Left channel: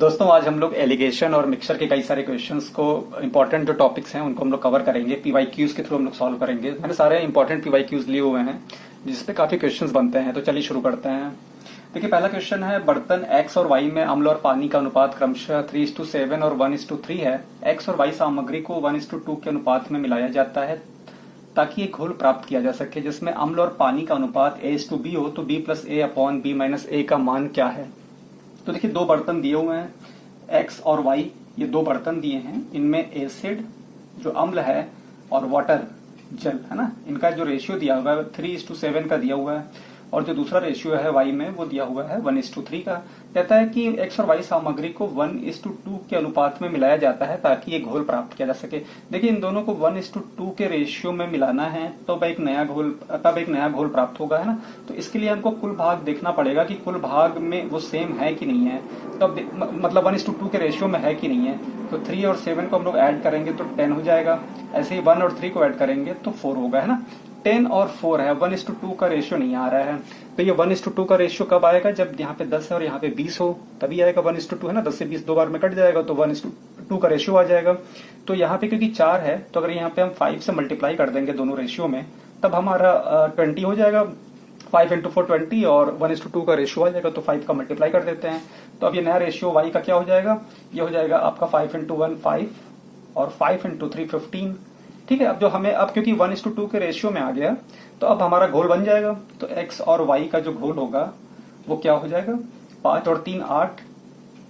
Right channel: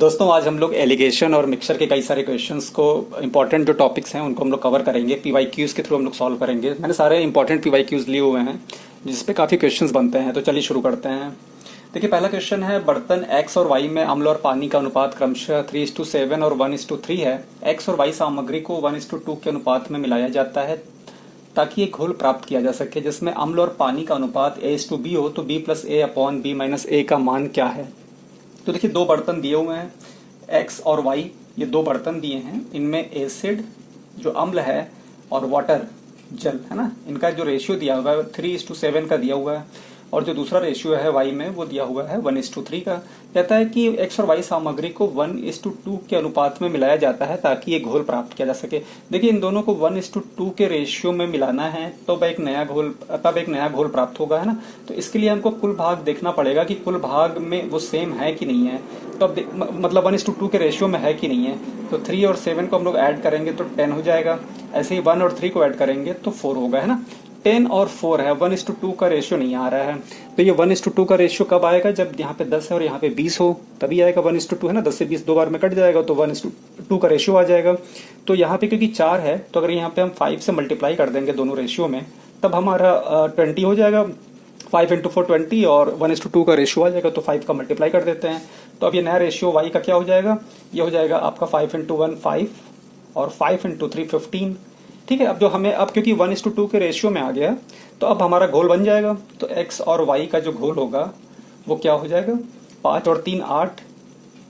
दोस्तों आज हम लोग एलिगेशन और मिक्सचर के कई सारे क्वेश्चंस को इंपॉर्टेंट जो टॉपिक्स हैं उनको हम लोग कवर करेंगे। पीवाईक्यूज के थ्रू हम लोग सॉल्व करेंगे। मैंने सारे इंपॉर्टेंट पीवाईक्यूज लिए हुए हैं जिसपे काफी क्वेश्चंस बनते हैं, तो चलिए शुरू करते हैं। देखिए पहला क्वेश्चन है, बर्तन एक्स और वाई में अम्ल और पानी का अनुपात क्रमशः 3:7 और 1:3 है। एक्स और वाई सामग्री को 1:2 के अनुपात में मिलाया जाता है ताकि एक घोल प्राप्त किया जा सके जिसमें अम्ल और पानी का अनुपात A:B हो, तो B+A/B-A का मान क्या है। तो देखिए दो बर्तन दिए हुए हैं, एक्स और वाई, ये दो बर्तन दिए हैं। इनमें एसिड जो अम्ल है और वाटर जल है ना, इनका जो रेशियो दिया हुआ है 3:7 का दिया हुआ है, और जो दूसरा रेशियो है वाई में वो दिया हुआ है 1:3 का। कहता है कि एक्स और वाई सामग्री को 1:2 के अनुपात में मिलाया जाता है ताकि एक घोल प्राप्त किया जा सके। देखिए इन दोनों को 1:2 के रेशियो में मिलाना है तब एक नया घोल प्राप्त होगा, है ना। तो इसके लिए हमको कुल भाग देखना पड़ेगा कि कुल भाग में वो सेम है कि नहीं है, तो मतलब 1:2 के रेशियो में है कि नहीं है। तो 3 और 7 को हम लोग ऐड करेंगे तो 10 हो जाएगा। ऐसे ही 1 और 3 को ऐड करेंगे तो 4 होगा, है ना। 10 और 4 है, 1:2 का रेशियो नहीं आ रहा है। तो ये 1:2 का रेशियो कब आएगा, जब यहाँ पे 10 है और यहाँ पे 20 हो, तभी आएगा 1:2, है ना। 10 से 20 दो बार में कट जाएगा तो 1:2 का रेशियो आ जाएगा। तो यहाँ पे क्योंकि 4 है तो अगर यहाँ पे हम 5 से मल्टीप्लाई कर देंगे दोनों रेशियो में, तब हमारा 20 हो जाएगा। 5 × 4 20 और 1:2 का रेशियो आ जाएगा, तो 5 का मल्टीप्लाई कर देते हैं। तो अब ये नया रेशियो वाई का क्या हो जाएगा, ये हो जाएगा आपका 5 × 1 5 और 5 × 3 15। ठीक है, अब जो हमें अब क्योंकि 1:2 के रेशियो में आ गया तो अब हमारा घोल बन जाएगा। तो एक्स और वाई का जो घोल होगा वो क्या हो जाएगा, 5 और 3 8,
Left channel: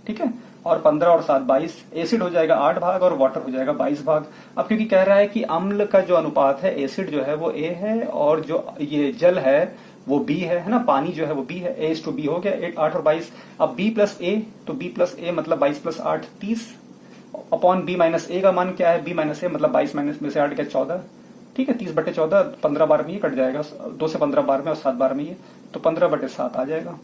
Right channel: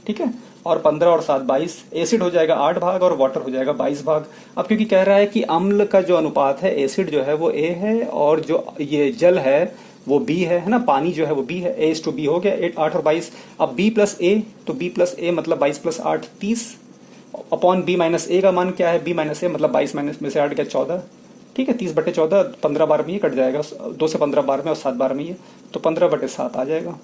ठीक है, और 15 और 7 22। एसिड हो जाएगा 8 भाग और वाटर हो जाएगा 22 भाग। अब क्योंकि कह रहा है कि अम्ल का जो अनुपात है, एसिड जो है वो ए है और जो ये जल है वो बी है ना, पानी जो है वो बी है। A:B हो गया 8 और 22। अब B+A, तो B+A मतलब 22 + 8 30 अपॉन B-A का मान क्या है, B-A मतलब 22 में से 8 गया 14, ठीक है। 30/14, 15 बार में ये कट जाएगा, 2 से 15 बार में और 7 बार में ये, तो 15/7 आ जाएगा।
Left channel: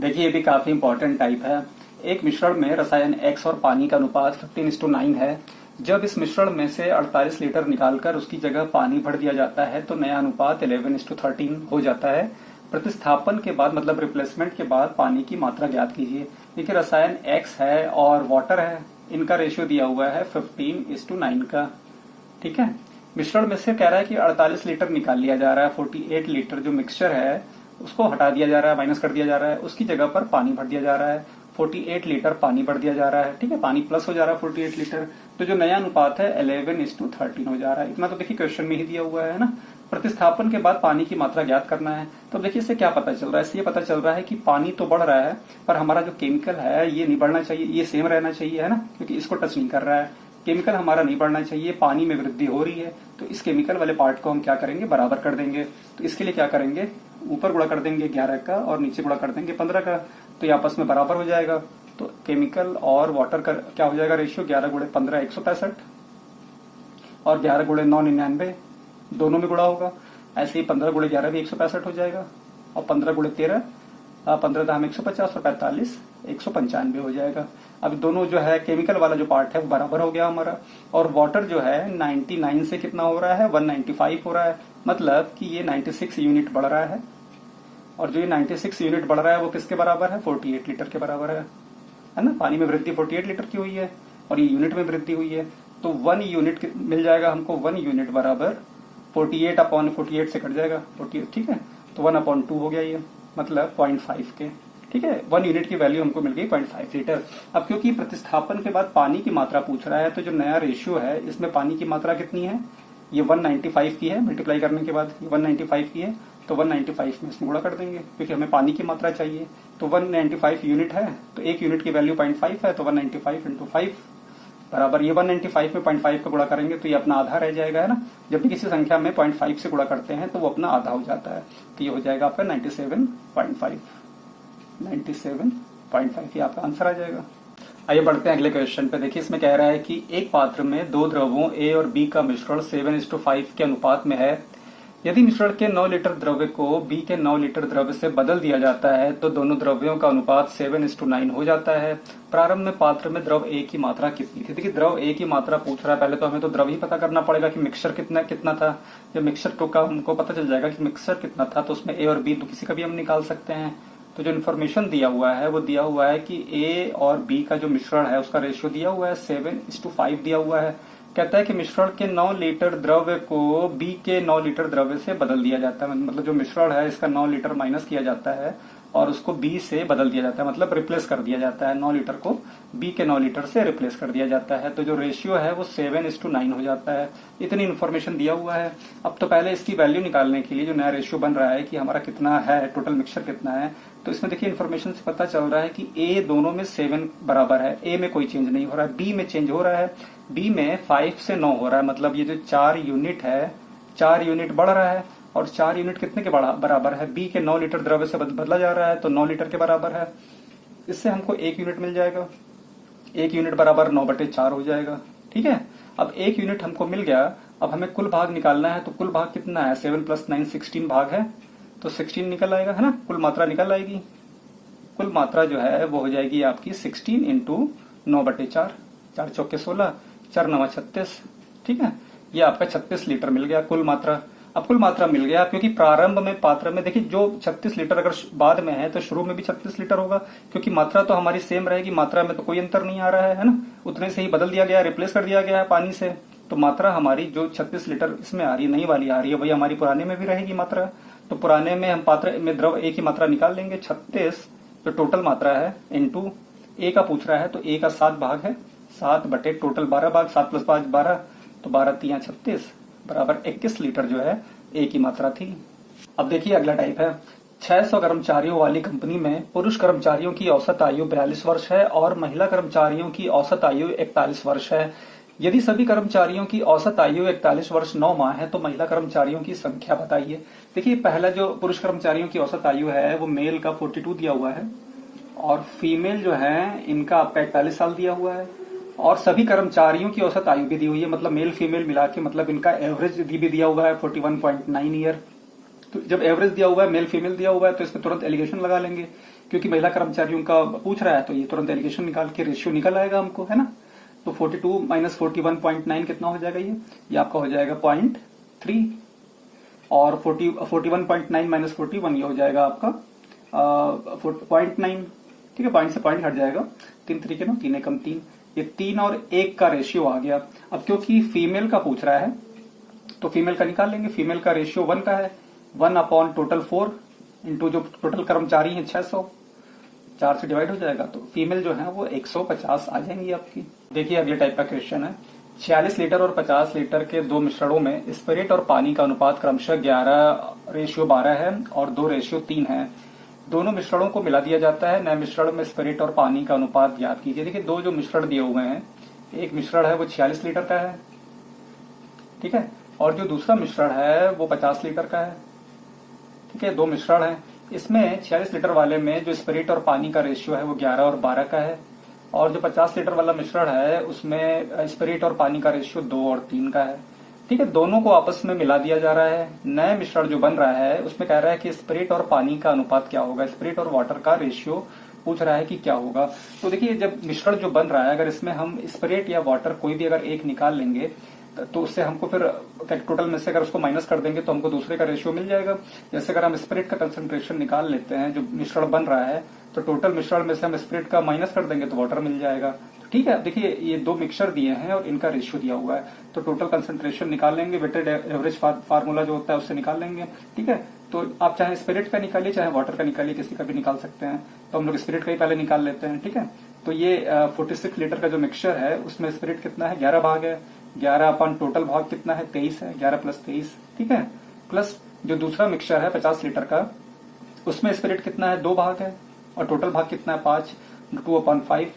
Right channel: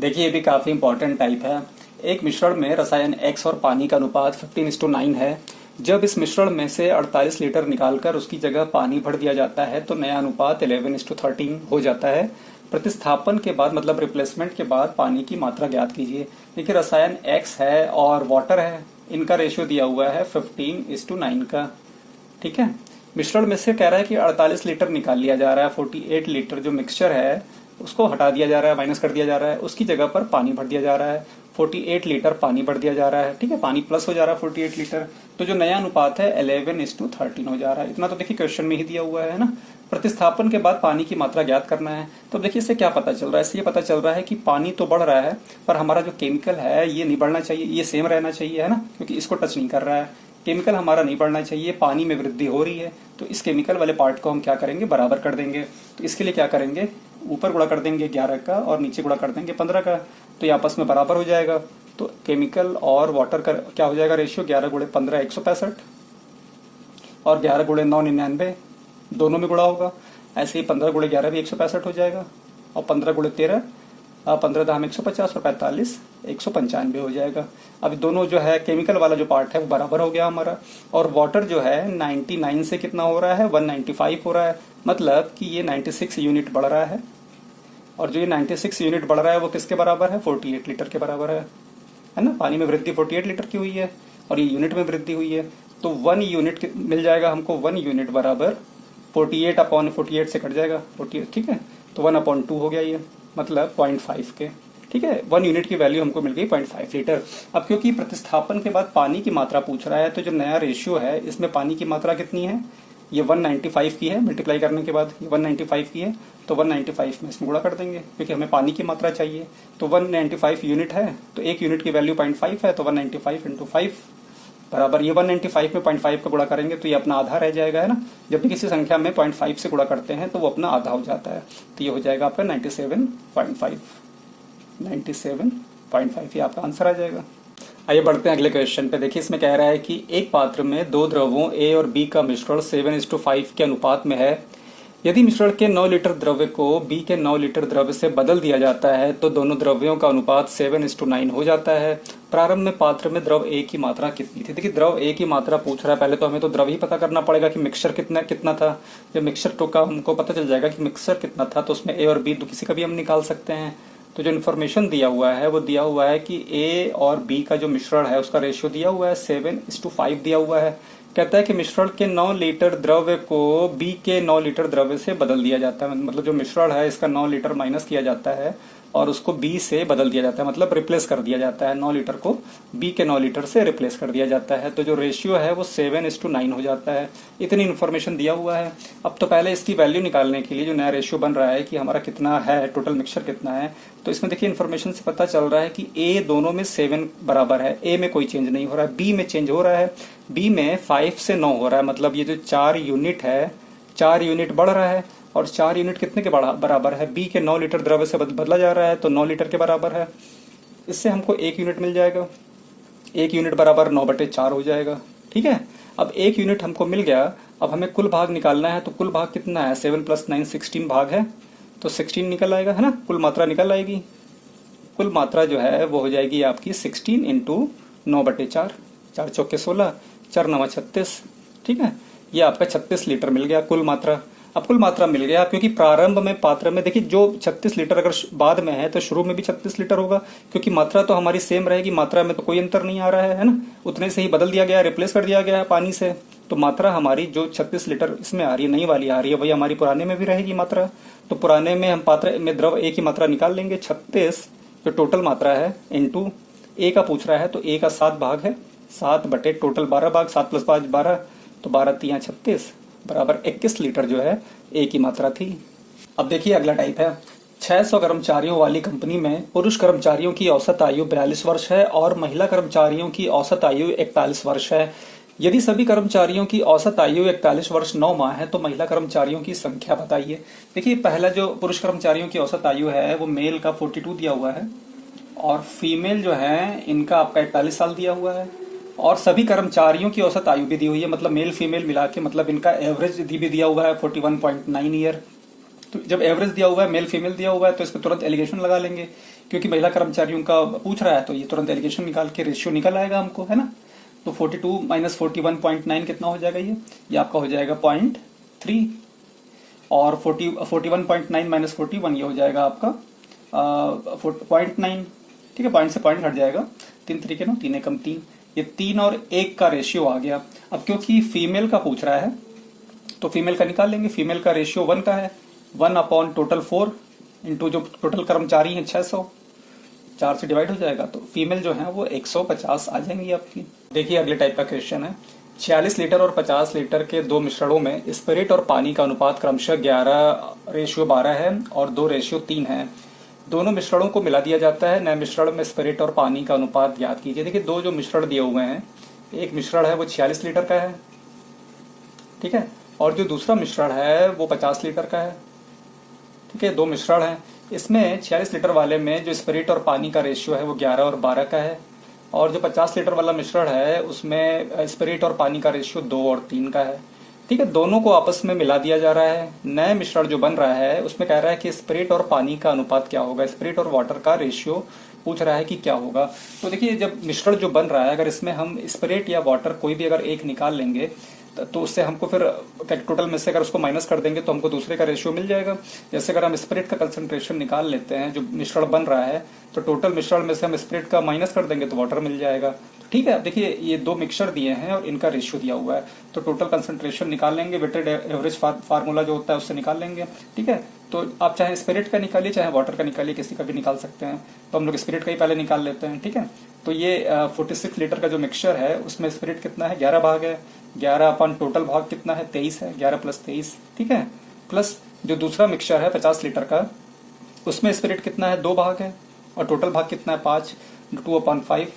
देखिए ये भी काफी इंपॉर्टेंट टाइप है। एक मिश्रण में रसायन X और पानी का अनुपात 15:9 है। जब इस मिश्रण में से 48 लीटर निकालकर उसकी जगह पानी भर दिया जाता है तो नया अनुपात 11:13 हो जाता है। प्रतिस्थापन के बाद मतलब रिप्लेसमेंट के बाद पानी की मात्रा ज्ञात कीजिए। देखिए रसायन X है और वाटर है, इनका रेशियो दिया हुआ है 15:9 का, ठीक है। मिश्रण में से कह रहा है कि 48 लीटर निकाल लिया जा रहा है, 48 लीटर जो मिक्सचर है उसको हटा दिया जा रहा है, माइनस कर दिया जा रहा है, उसकी जगह पर पानी भर दिया जा रहा है। 48 लीटर पानी भर दिया जा रहा है, ठीक है, पानी प्लस हो जा रहा है 48 लीटर। तो जो नया अनुपात है 11:13 हो जा रहा है। इतना तो देखिए क्वेश्चन में ही दिया हुआ है ना। प्रतिस्थापन के बाद पानी की मात्रा ज्ञात करना है। तो देखिए इससे क्या पता चल रहा है, इससे ये पता चल रहा है कि पानी तो बढ़ रहा है पर हमारा जो केमिकल है ये नहीं बढ़ना चाहिए, ये सेम रहना चाहिए, है ना, क्योंकि इसको टच नहीं कर रहा है। केमिकल हमारा नहीं बढ़ना चाहिए, पानी में वृद्धि हो रही है, तो इस केमिकल वाले पार्ट को हम क्या करेंगे, बराबर कर देंगे। तो इसके लिए क्या करेंगे, ऊपर गुणा कर देंगे 11 का और नीचे गुणा कर देंगे 15 का, तो ये आपस में बराबर हो जाएगा। तो केमिकल और वाटर का क्या हो जाएगा रेशियो, 11 × 15 165 और 11 × 9 99, दोनों में गुणा होगा। ऐसे ही 15 × 11 भी 165 हो जाएगा, और 15 × 13 15 दाम 150 और 45 195 हो जाएगा। अब दोनों जो है केमिकल वाला जो पार्ट है वो बराबर हो गया हमारा। और वाटर जो है 99 से कितना हो रहा है, 195 हो रहा है, मतलब कि ये 96 यूनिट बढ़ रहा है। और जो ये 96 यूनिट बढ़ रहा है वो किसके बराबर है, 48 लीटर के बराबर है ना। पानी में वृद्धि 48 लीटर की हुई है और ये यूनिट में वृद्धि हुई है, तो 1 यूनिट मिल जाएगा हमको। 1 यूनिट बराबर 48/48 से कट जाएगा 48, ठीक है। तो 1/2 हो गया ये, मतलब 0.5 के, ठीक है। 1 यूनिट की वैल्यू हमको मिल गई 0.5 लीटर। अब क्योंकि प्रतिस्थापन के बाद पानी की मात्रा पूछ रहा है, तो जो नया रेशियो है इसमें पानी की मात्रा कितनी है, ये 195 की है, मल्टीप्लाई करने के बाद 195 की है, तो 195 में इसमें गुणा कर देंगे क्योंकि हमें पानी की मात्रा चाहिए। तो 195 यूनिट है, तो 1 यूनिट की वैल्यू 0.5 है, तो 195 × 5 बराबर, ये 195 में 0.5 का गुणा करेंगे तो ये अपना आधा रह जाएगा, है ना। जब भी किसी संख्या में 0.5 से गुणा करते हैं तो वो अपना आधा हो जाता है, तो ये हो जाएगा आपका 97.5 97.5, ये आपका आंसर आ जाएगा। आइए बढ़ते हैं अगले क्वेश्चन पे। देखिए इसमें कह रहा है कि एक पात्र में दो द्रवों A और B का मिश्रण 7:5 के अनुपात में है। यदि मिश्रण के 9 लीटर द्रव्य को B के 9 लीटर द्रव्य से बदल दिया जाता है तो दोनों द्रव्यों का अनुपात 7:9 हो जाता है। प्रारंभ में पात्र में द्रव A की मात्रा कितनी थी। देखिए द्रव A की मात्रा पूछ रहा है, पहले तो हमें तो द्रव ही पता करना पड़ेगा कि मिक्सचर कितना था। जब मिक्सचर का हमको पता चल जाएगा कि मिक्सचर कितना था तो उसमें A और B तो किसी का भी हम निकाल सकते हैं। तो जो इन्फॉर्मेशन दिया हुआ है वो दिया हुआ है कि ए और बी का जो मिश्रण है उसका रेशियो दिया हुआ है 7:5 दिया हुआ है। कहता है कि मिश्रण के 9 लीटर द्रव्य को बी के 9 लीटर द्रव्य से बदल दिया जाता है। मतलब जो मिश्रण है इसका 9 लीटर माइनस किया जाता है और उसको बी से बदल दिया जाता है, मतलब रिप्लेस कर दिया जाता है। 9 लीटर को बी के 9 लीटर से रिप्लेस कर दिया जाता है। तो जो रेशियो है वो 7:9 हो जाता है। इतनी इन्फॉर्मेशन दिया हुआ है। अब तो पहले इसकी वैल्यू निकालने के लिए जो नया रेशियो बन रहा है कि हमारा कितना है, टोटल मिक्सचर कितना है, तो इसमें देखिए इन्फॉर्मेशन से पता चल रहा है कि ए दोनों में 7 बराबर है। ए में कोई चेंज नहीं हो रहा है, बी में चेंज हो रहा है। बी में 5 से 9 हो रहा है, मतलब ये जो 4 यूनिट है 4 यूनिट बढ़ रहा है। और 4 यूनिट कितने के बराबर है? बी के 9 लीटर द्रव्य से बदला जा रहा है तो 9 लीटर के बराबर है। इससे हमको 1 यूनिट मिल जाएगा। 1 यूनिट बराबर 9/4 हो जाएगा। ठीक है, अब 1 यूनिट हमको मिल गया। अब हमें कुल भाग निकालना है, तो कुल भाग कितना है? 7 + 9 16 भाग है, तो 16 निकल आएगा, है ना। कुल मात्रा निकल आएगी। कुल मात्रा जो है वो हो जाएगी आपकी 16 × 9/4, 4 चौके 16, 4 9 36। ठीक है, ये आपका 36 लीटर मिल गया कुल मात्रा। अब कुल मात्रा मिल गया क्योंकि प्रारंभ में पात्र में देखिए जो 36 लीटर अगर बाद में है तो शुरू में भी 36 लीटर होगा, क्योंकि मात्रा तो हमारी सेम रहेगी, मात्रा में तो कोई अंतर नहीं आ रहा है ना। उतने से ही बदल दिया गया, रिप्लेस कर दिया गया है पानी से। तो मात्रा हमारी जो 36 लीटर इसमें आ रही है, नई वाली आ रही है, वही हमारी पुराने में भी रहेगी मात्रा। तो पुराने में हम पात्र में द्रव ए की मात्रा निकाल लेंगे। 36 जो टोटल मात्रा है इंटू ए का पूछ रहा है, तो ए का 7 भाग है, 7 बटे टोटल 12 भाग, 7 + 5 12, तो 12 × 3 = 36 बराबर 21 लीटर जो है ए की मात्रा थी। अब देखिए अगला टाइप है। 600 कर्मचारियों वाली कंपनी में पुरुष कर्मचारियों की औसत आयु 42 वर्ष है और महिला कर्मचारियों की औसत आयु 41 वर्ष है। यदि सभी कर्मचारियों की औसत आयु 41 वर्ष 9 माह है तो महिला कर्मचारियों की संख्या बताइए। देखिए पहला जो पुरुष कर्मचारियों की औसत आयु है वो मेल का 42 दिया हुआ है और फीमेल जो है इनका आपका 41 साल दिया हुआ है। और सभी कर्मचारियों की औसत आयु भी दी हुई है, मतलब मेल फीमेल मिला के, मतलब इनका एवरेज भी दिया हुआ है 41.9 ईयर। तो जब एवरेज दिया हुआ है, मेल फीमेल दिया हुआ है, तो इसमें तुरंत एलिगेशन लगा लेंगे, क्योंकि महिला कर्मचारियों का पूछ रहा है तो ये तुरंत एलिगेशन निकाल के रेशियो निकल आएगा हमको, है ना। तो 42 - 41.9 कितना हो जाएगा? ये आपका हो जाएगा 0.3 और 41.9 - 41 ये हो जाएगा आपका 0.9। ठीक है, पॉइंट से पॉइंट हट जाएगा, 3 × 3 = 9, 3 × 3 ये 3 और 1 का रेशियो आ गया। अब क्योंकि फीमेल का पूछ रहा है तो फीमेल का निकाल लेंगे। फीमेल का रेशियो 1 का है, 1 टोटल 4 इंटू जो टोटल कर्मचारी है 600, 4 से डिवाइड हो जाएगा, तो फीमेल जो है वो 150 आ जाएंगी आपकी। देखिए अगले टाइप का क्वेश्चन है। 46 लीटर और 50 लीटर के दो मिश्रणों में स्पिरिट और पानी का अनुपात क्रमशः 11:12 है और 2:3 है। दोनों मिश्रणों को मिला दिया जाता है। नए मिश्रण में स्पिरिट और पानी का अनुपात ज्ञात कीजिए। देखिए दो जो मिश्रण दिए हुए हैं, एक मिश्रण है वो 46 लीटर का है, ठीक है, और जो दूसरा मिश्रण है वो 50 लीटर का है। ठीक है, दो मिश्रण है। इसमें 46 लीटर वाले में जो स्पिरिट और पानी का रेशियो है वो 11 और 12 का है, और जो 50 लीटर वाला मिश्रण है उसमें स्पिरिट और पानी का रेशियो 2 और 3 का है। ठीक है, दोनों को आपस में मिला दिया जा रहा है। नए मिश्रण जो बन रहा है उसमें कह रहा है कि स्पिरिट और पानी का अनुपात क्या होगा, स्पिरिट और वाटर का रेशियो पूछ रहा है कि क्या होगा। तो देखिए जब मिश्रण जो बन रहा है, अगर इसमें हम स्पिरिट या वाटर कोई भी अगर एक निकाल लेंगे तो उससे हमको फिर टोटल में से अगर उसको माइनस कर देंगे तो हमको दूसरे का रेशियो मिल जाएगा। जैसे अगर हम स्पिरिट का कंसंट्रेशन निकाल लेते हैं, जो मिश्रण बन रहा है, तो टोटल मिश्रण में से हम स्पिरिट का माइनस कर देंगे तो वाटर मिल जाएगा। ठीक है, देखिए ये दो मिक्सचर दिए हैं और इनका रेशियो दिया हुआ है, तो टोटल कंसंट्रेशन निकाल लेंगे, वेटेड एवरेज फार्मूला जो होता है उससे निकाल लेंगे। ठीक है, तो आप चाहे स्पिरिट का निकालिए चाहे वाटर का निकालिए, किसी का भी निकाल सकते हैं। तो हम लोग स्पिरिट का ही पहले निकाल लेते हैं। ठीक है, तो ये 46 लीटर का जो मिक्सचर है उसमें स्पिरिट कितना है, 11 भाग है। 11 अपन टोटल भाग कितना है, 23 है, 11 + 23। ठीक है, प्लस जो दूसरा मिक्सचर है 50 लीटर का, उसमें स्पिरिट कितना है, 2 भाग है, और टोटल भाग कितना है 5, 2/5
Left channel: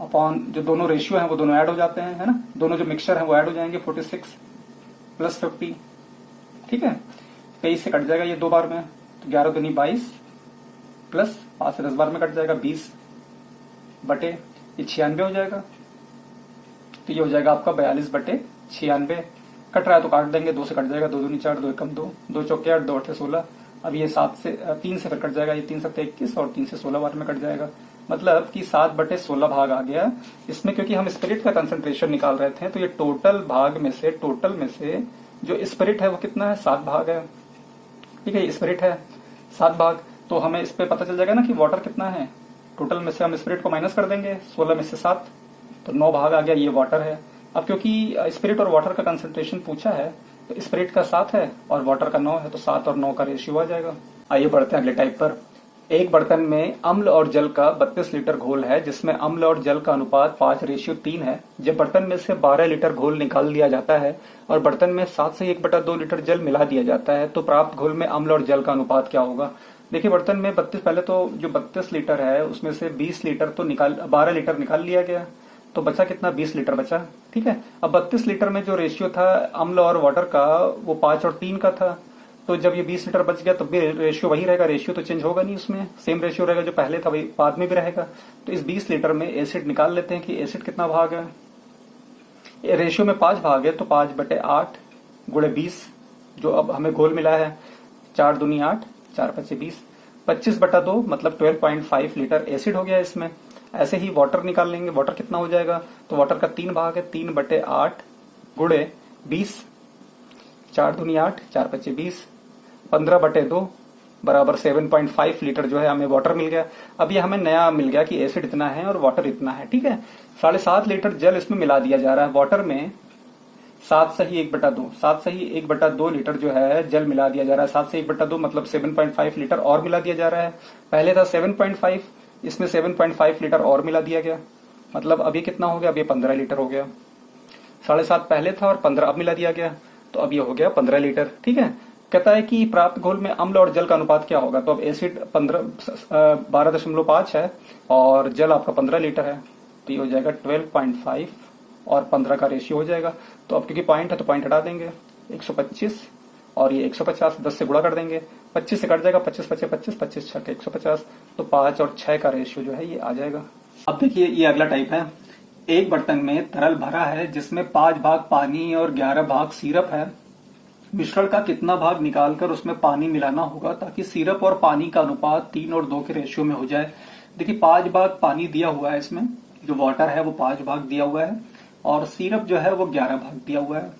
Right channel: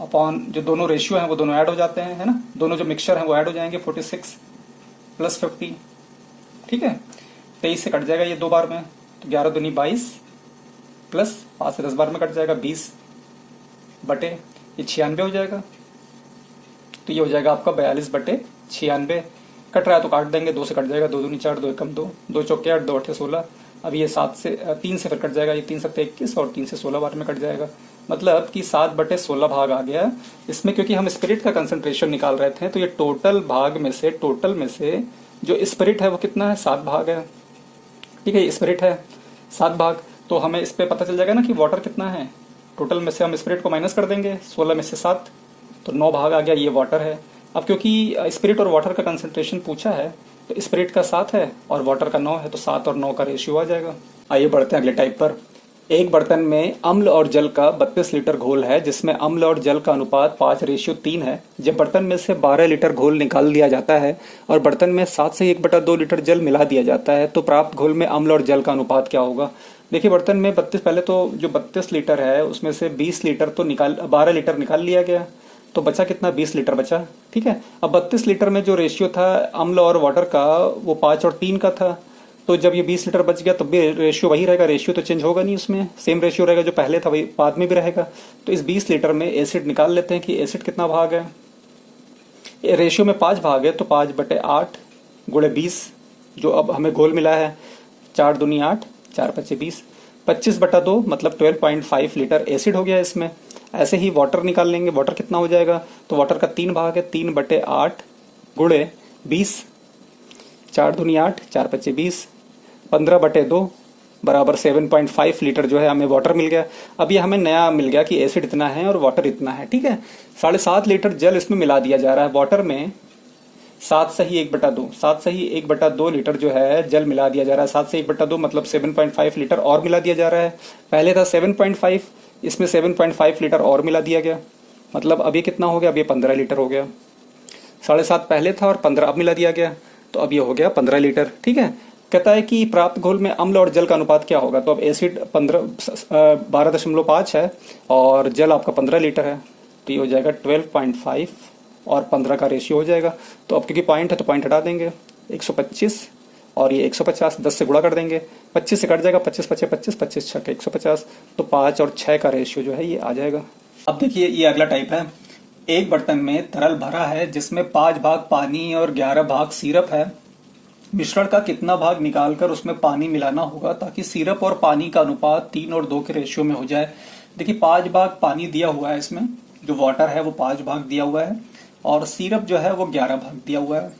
अपॉन जो दोनों रेशियो हैं वो दोनों ऐड हो जाते हैं, है ना, दोनों जो मिक्सचर हैं वो ऐड हो जाएंगे, 46 + 50। ठीक है, 23 से कट जाएगा ये 2 बार में, तो 11 दूनी 22 प्लस 5 से 10 बार में कट जाएगा 20 बटे ये 96 हो जाएगा। तो ये हो जाएगा आपका 42/96। कट रहा है तो काट देंगे, 2 से कट जाएगा, 2 दूनी 4, 2 एकम 2, 2 चौके 8, 2 8 16। अब ये 3 से फिर कट जाएगा, ये 3 7 21 और 3 से 16 बार में कट जाएगा, मतलब कि 7/16 भाग आ गया इसमें। क्योंकि हम स्पिरिट का कंसंट्रेशन निकाल रहे थे तो ये टोटल में से जो स्पिरिट है वो कितना है, 7 भाग है। ठीक है, स्पिरिट है 7 भाग, तो हमें इस पे पता चल जाएगा ना कि वाटर कितना है। टोटल में से हम स्पिरिट को माइनस कर देंगे, 16 में से 7, तो 9 भाग आ गया, ये वाटर है। अब क्योंकि स्पिरिट और वाटर का कंसंट्रेशन पूछा है, तो स्पिरिट का 7 है और वाटर का 9 है, तो 7 और 9 का रेशियो आ जाएगा। आइए बढ़ते हैं अगले टाइप पर। एक बर्तन में अम्ल और जल का 32 लीटर घोल है, जिसमें अम्ल और जल का अनुपात 5:3 है। जब बर्तन में से 12 लीटर घोल निकाल दिया जाता है और बर्तन में 7 से 1/2 लीटर जल मिला दिया जाता है, तो प्राप्त घोल में अम्ल और जल का अनुपात क्या होगा। देखिए बर्तन में 32, पहले तो जो 32 लीटर है उसमें से 20 लीटर तो 12 लीटर निकाल लिया गया, तो बचा कितना, 20 लीटर बचा। ठीक है, अब 32 लीटर में जो रेशियो था अम्ल और वाटर का वो 5 और 3 का था, तो जब ये 20 लीटर बच गया तब भी रेशियो वही रहेगा, रेशियो तो चेंज होगा नहीं, उसमें सेम रेशियो रहेगा जो पहले था वही बाद में भी रहेगा। तो इस 20 लीटर में एसिड निकाल लेते हैं कि एसिड कितना भाग है। रेशियो में 5 भाग है, तो 5/8 गुणे 20, जो अब हमें घोल मिला है, 4 दूनी 8, 4 पच्चे 20, 25/2 मतलब 12.5 लीटर एसिड हो गया इसमें। ऐसे ही वाटर निकाल लेंगे, वाटर कितना हो जाएगा, तो वाटर का 3 भाग है, 3/8 गुणे 20, 4 दूनी 8, 4 पच्चे 20, 15/2 बराबर 7.5 लीटर जो है हमें वाटर मिल गया। अब ये हमें नया मिल गया कि एसिड इतना है और वाटर इतना है। ठीक है, 7.5 लीटर जल इसमें मिला दिया जा रहा है, वाटर में 7 सही 1/2, 7 सही 1/2 लीटर जो है जल मिला दिया जा रहा है। 7 से 1/2 मतलब 7.5 लीटर और मिला दिया जा रहा है। पहले था 7.5, इसमें 7.5 लीटर और मिला दिया गया, मतलब अब ये कितना हो गया, अब ये 15 लीटर हो गया। 7.5 पहले था और 15 अब मिला दिया गया, तो अब ये हो गया 15 लीटर। ठीक है, कहता है कि प्राप्त घोल में अम्ल और जल का अनुपात क्या होगा। तो अब एसिड 12.5 है और जल आपका 15 लीटर है, तो ये हो जाएगा 12.5 और 15 का रेशियो हो जाएगा। तो अब क्योंकि पॉइंट है तो पॉइंट हटा देंगे, 125 और ये 150, 10 से गुणा कर देंगे, 25 से कट जाएगा, 25 पचे 25, 25 छके 150, तो 5 और 6 का रेशियो जो है ये आ जाएगा। अब देखिए ये अगला टाइप है। एक बर्तन में तरल भरा है जिसमें 5 भाग पानी और 11 भाग सिरप है। मिश्रण का कितना भाग निकालकर उसमें पानी मिलाना होगा ताकि सिरप और पानी का अनुपात 3 और 2 के रेशियो में हो जाए। देखिए 5 भाग पानी दिया हुआ है, इसमें जो वाटर है वो 5 भाग दिया हुआ है और सिरप जो है वो 11 भाग दिया हुआ है।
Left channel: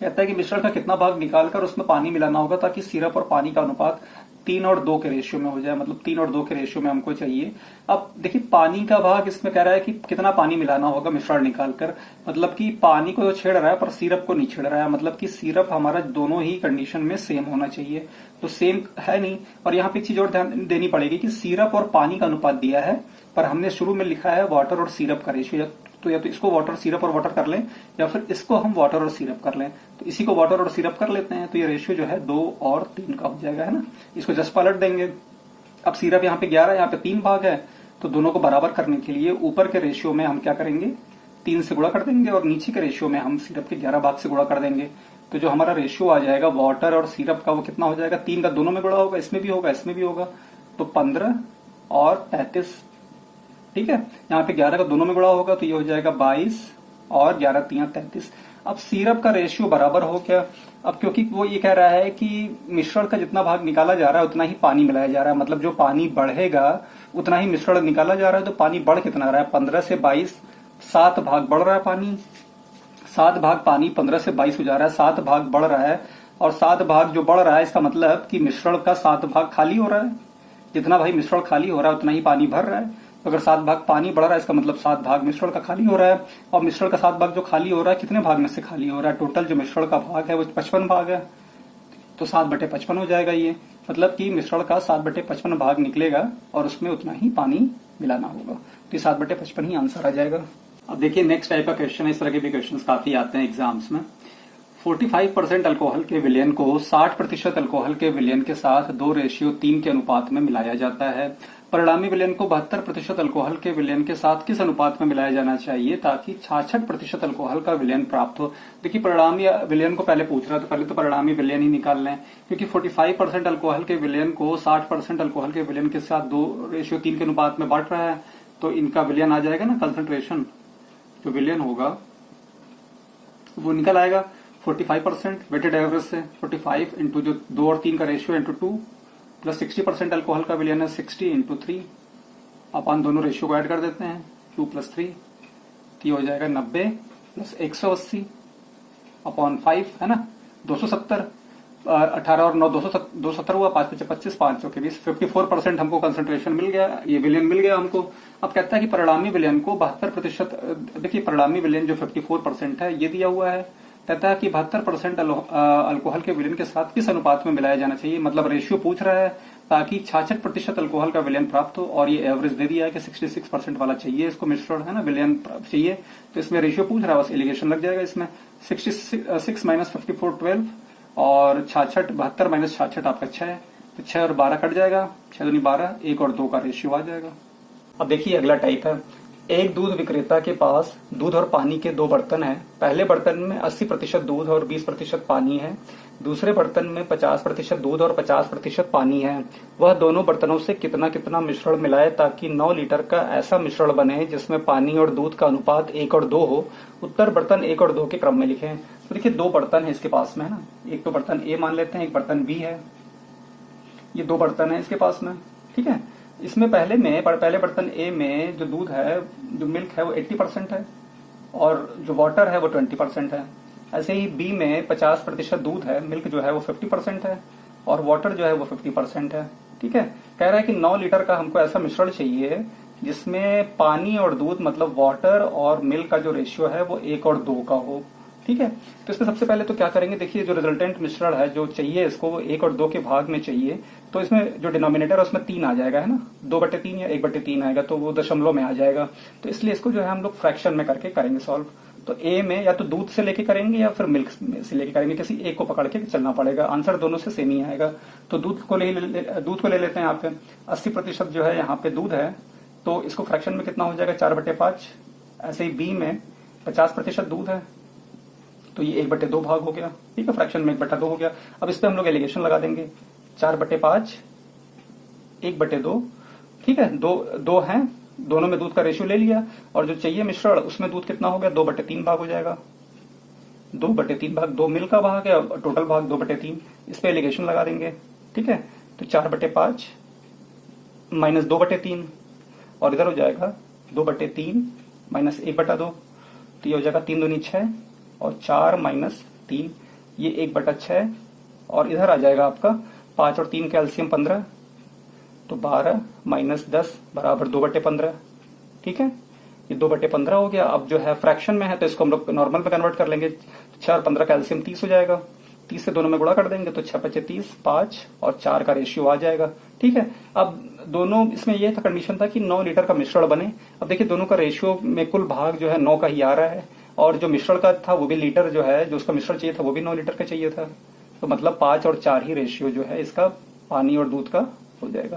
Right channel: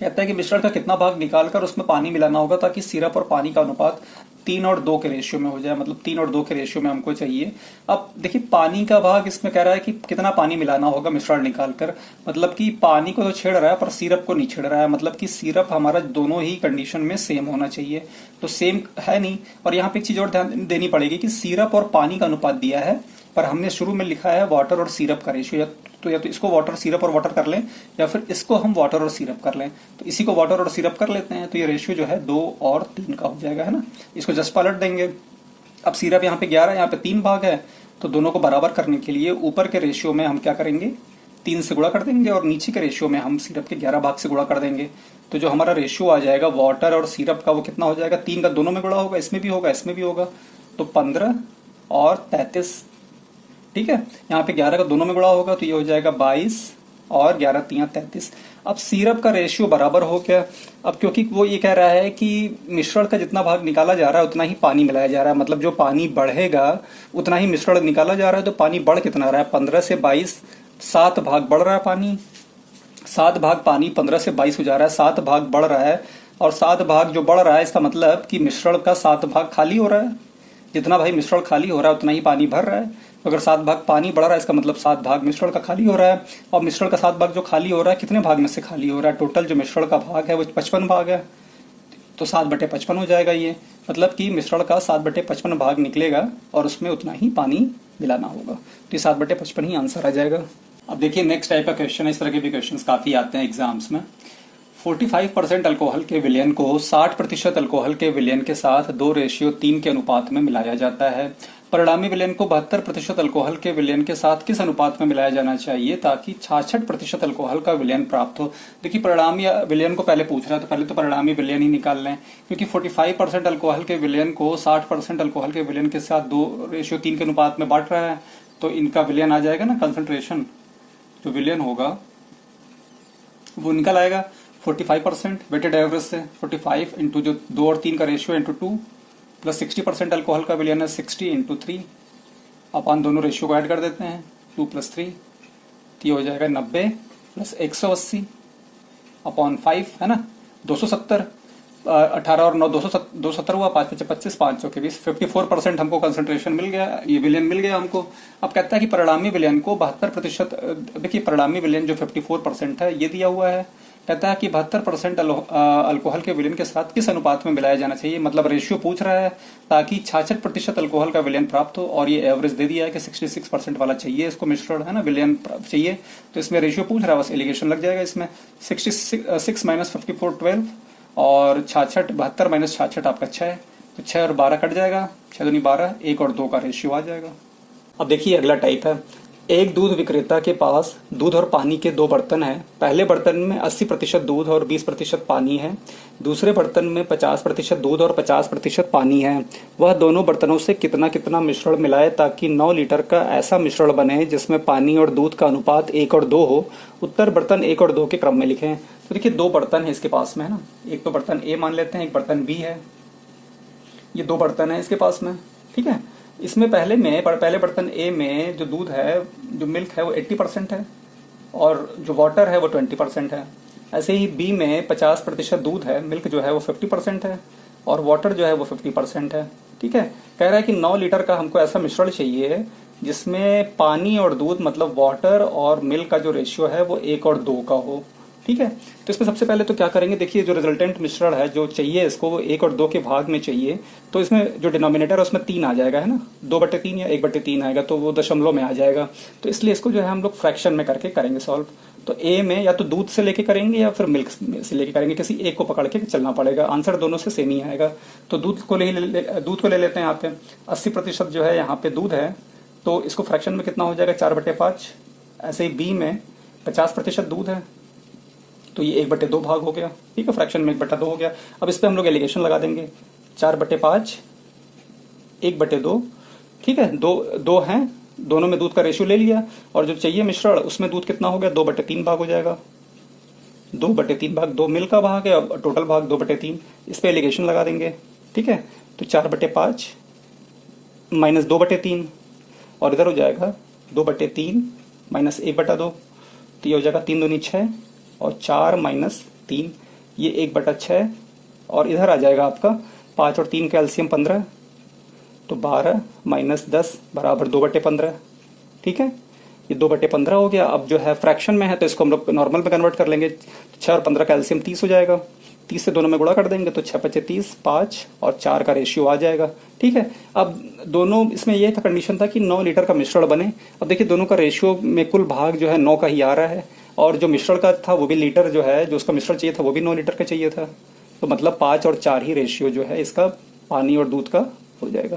कहता है कि मिश्रण का कितना भाग निकालकर उसमें पानी मिलाना होगा ताकि सिरप और पानी का अनुपात 3 और 2 के रेशियो में हो जाए, मतलब 3 और 2 के रेशियो में हमको चाहिए। अब देखिए पानी का भाग इसमें कह रहा है कि कितना पानी मिलाना होगा मिश्रण निकालकर, मतलब कि पानी को तो छेड़ रहा है पर सिरप को नहीं छेड़ रहा है, मतलब कि सिरप हमारा दोनों ही कंडीशन में सेम होना चाहिए, तो सेम है नहीं। और यहाँ पे एक चीज और ध्यान देनी पड़ेगी कि सिरप और पानी का अनुपात दिया है पर हमने शुरू में लिखा है वाटर और सिरप का रेशियो, तो या तो इसको वाटर सिरप और वाटर कर लें या फिर इसको हम वाटर और सिरप कर लें, तो इसी को वाटर और सिरप कर लेते हैं, तो ये रेशियो जो है 2 और 3 का हो जाएगा, है ना। इसको जस्ट पलट देंगे। अब सिरप यहाँ पे 11 है, यहाँ पे 3 भाग है, तो दोनों को बराबर करने के लिए ऊपर के रेशियो में हम क्या करेंगे, 3 से गुणा कर देंगे और नीचे के रेशियो में हम सिरप के 11 भाग से गुणा कर देंगे। तो जो हमारा रेशियो आ जाएगा वाटर और सिरप का वो कितना हो जाएगा, 3 का दोनों में गुणा होगा, इसमें भी होगा इसमें भी होगा, तो 15 और 33। ठीक है, यहाँ पे 11 का दोनों में गुणा होगा तो ये हो जाएगा 22 और 11 3 33। अब सिरप का रेशियो बराबर हो गया। अब क्योंकि वो ये कह रहा है कि मिश्रण का जितना भाग निकाला जा रहा है उतना ही पानी मिलाया जा रहा है, मतलब जो पानी बढ़ेगा उतना ही मिश्रण निकाला जा रहा है, तो पानी बढ़ कितना रहा है, 15 से 22, 7 भाग बढ़ रहा है पानी, 7 भाग पानी 15 से 22 हो जा रहा है, 7 भाग बढ़ रहा है और 7 भाग जो बढ़ रहा है इसका मतलब कि मिश्रण का 7 भाग खाली हो रहा है। जितना भाई मिश्रण खाली हो रहा है उतना ही पानी भर रहा है। अगर 7 भाग पानी बढ़ रहा है इसका मतलब 7 भाग मिश्रण का खाली हो रहा है। और मिश्रण का 7 भाग जो खाली हो रहा है कितने भाग में से खाली हो रहा है, टोटल जो मिश्रण का भाग है वो 55 भाग है, तो 7/55 हो जाएगा ये, मतलब कि मिश्रण का 7/55 भाग निकलेगा और उसमें उतना ही पानी मिलाना होगा, तो ये 7/55 ही आंसर आ जाएगा। अब देखिए नेक्स्ट टाइप का क्वेश्चन है, इस तरह के भी क्वेश्चन काफी आते हैं एग्जाम्स में। 45% अल्कोहल के विलयन को 60% अल्कोहल के विलयन के साथ 2:3 के अनुपात में मिलाया जाता है। परिणामी विलयन को 72% अल्कोहल के विलयन के साथ किस अनुपात में मिलाया जाना चाहिए ताकि 66% अल्कोहल का विलयन प्राप्त हो। देखिए परिणामी विलयन को पहले पूछ रहा है, तो पहले तो परिणामी विलयन ही निकाल लें, क्योंकि 45% अल्कोहल के विलयन को 60% अल्कोहल के विलयन के साथ 2:3 के अनुपात में बांट रहा है, तो इनका विलयन आ जाएगा ना, कंसंट्रेशन जो विलयन होगा वो निकल आएगा 45% वेटेड एवरेज से, 45 इंटू जो 2 और 3 का रेशियो इंटू 2 प्लस 60% अल्कोहल का विलयन है 60 इंटू 3, अपन दोनों रेशियो को ऐड कर देते हैं 2 + 3, तो ये हो जाएगा 90 प्लस 180 अपॉन 5, है ना 270। 18 और 9 217 हुआ, 5 5 25, 5 के 20, 54% हमको कंसंट्रेशन मिल गया, ये विलयन मिल गया हमको। अब कहता है कि परिणामी विलयन को 72%, देखिए परिणामी विलयन जो 54% है ये दिया हुआ है। कहता है कि 72% अल्कोहल के विलयन के साथ किस अनुपात में मिलाया जाना चाहिए, मतलब रेशियो पूछ रहा है ताकि 66% अल्कोहल का विलयन प्राप्त हो, और ये एवरेज दे दिया है कि 66% वाला चाहिए इसको मिश्रण, है ना, विलयन चाहिए। तो इसमें रेशियो पूछ रहा है, बस एलिगेशन लग जाएगा इसमें। 66 माइनस 54 12, और 66 72 माइनस 66 आपका 6, तो 6 और 12 कट जाएगा, 6 दूनी 12, 1 और 2 का रेशियो आ जाएगा। अब देखिए अगला टाइप है, एक दूध विक्रेता के पास दूध और पानी के 2 बर्तन हैं। पहले बर्तन में 80% दूध और 20% पानी है, दूसरे बर्तन में 50% दूध और 50% पानी है। वह दोनों बर्तनों से कितना कितना मिश्रण मिलाए ताकि 9 लीटर का ऐसा मिश्रण बने जिसमें पानी और दूध का अनुपात 1 और 2 हो। उत्तर बर्तन 1 और 2 के क्रम में लिखें। तो देखिए 2 बर्तन है इसके पास में, है ना, एक तो बर्तन ए मान लेते हैं, एक बर्तन बी है, ये 2 बर्तन है इसके पास में, ठीक है। इसमें पहले बर्तन ए में जो दूध है, जो मिल्क है वो 80% है, और जो वाटर है वो 20% है। ऐसे ही बी में 50% दूध है, मिल्क जो है वो 50% है, और वाटर जो है वो 50% है, ठीक है। कह रहा है कि 9 लीटर का हमको ऐसा मिश्रण चाहिए जिसमें पानी और दूध, मतलब वाटर और मिल्क का जो रेशियो है वो 1 और 2 का हो, ठीक है। तो इसमें सबसे पहले तो क्या करेंगे, देखिए जो रिजल्टेंट मिश्रण है जो चाहिए इसको, वो 1 और 2 के भाग में चाहिए। तो इसमें जो डिनोमिनेटर है उसमें 3 आ जाएगा, है ना, 2/3 या 1/3 आएगा, तो वो दशमलव में आ जाएगा। तो इसलिए इसको जो है हम लोग फ्रैक्शन में करके करेंगे सॉल्व। तो ए में या तो दूध से लेके करेंगे या फिर मिल्क से लेके करेंगे, किसी एक को पकड़ के चलना पड़ेगा, आंसर दोनों से सेम ही आएगा। तो दूध को ले लेते हैं यहाँ पे, 80% जो है यहाँ पे दूध है, तो इसको फ्रैक्शन में कितना हो जाएगा, 4/5। ऐसे ही बी में 50% दूध है, तो ये 1/2 भाग हो गया, ठीक है, फ्रैक्शन में 1/2 हो गया। अब इस पे हम लोग एलिगेशन लगा देंगे, 4/5 1/2, ठीक है, दो हैं, दोनों में दूध का रेशियो ले लिया, और जो चाहिए मिश्रण उसमें दूध कितना हो गया, 2/3 भाग हो जाएगा, 2/3 भाग, 2 मिल का भाग है, टोटल भाग 2/3। इस पे एलिगेशन लगा देंगे, ठीक है। तो 4/5 माइनस 2/3, और इधर हो जाएगा 2/3 माइनस 1/2, तो ये हो जाएगा 3 दूनी 6, और 4 माइनस 3, ये 1/6, और इधर आ जाएगा आपका 5 और 3 का एलसीएम 15, तो 12 माइनस 10 बराबर 2/15, ठीक है, ये 2/15 हो गया। अब जो है फ्रैक्शन में है तो इसको हम लोग नॉर्मल में कन्वर्ट कर लेंगे, 6 और 15 का एलसीएम 30 हो जाएगा, 30 से दोनों में गुणा कर देंगे तो 6 5 30, 5 और 4 का रेशियो आ जाएगा, ठीक है। अब दोनों, इसमें यह था कंडीशन था कि 9 लीटर का मिश्रण बने। अब देखिए दोनों का रेशियो में कुल भाग जो है 9 का ही आ रहा है, और जो मिश्रण का था वो भी लीटर जो है, जो उसका मिश्रण चाहिए था वो भी 9 लीटर का चाहिए था, तो मतलब 5 और 4 ही रेशियो जो है इसका पानी और दूध का हो जाएगा।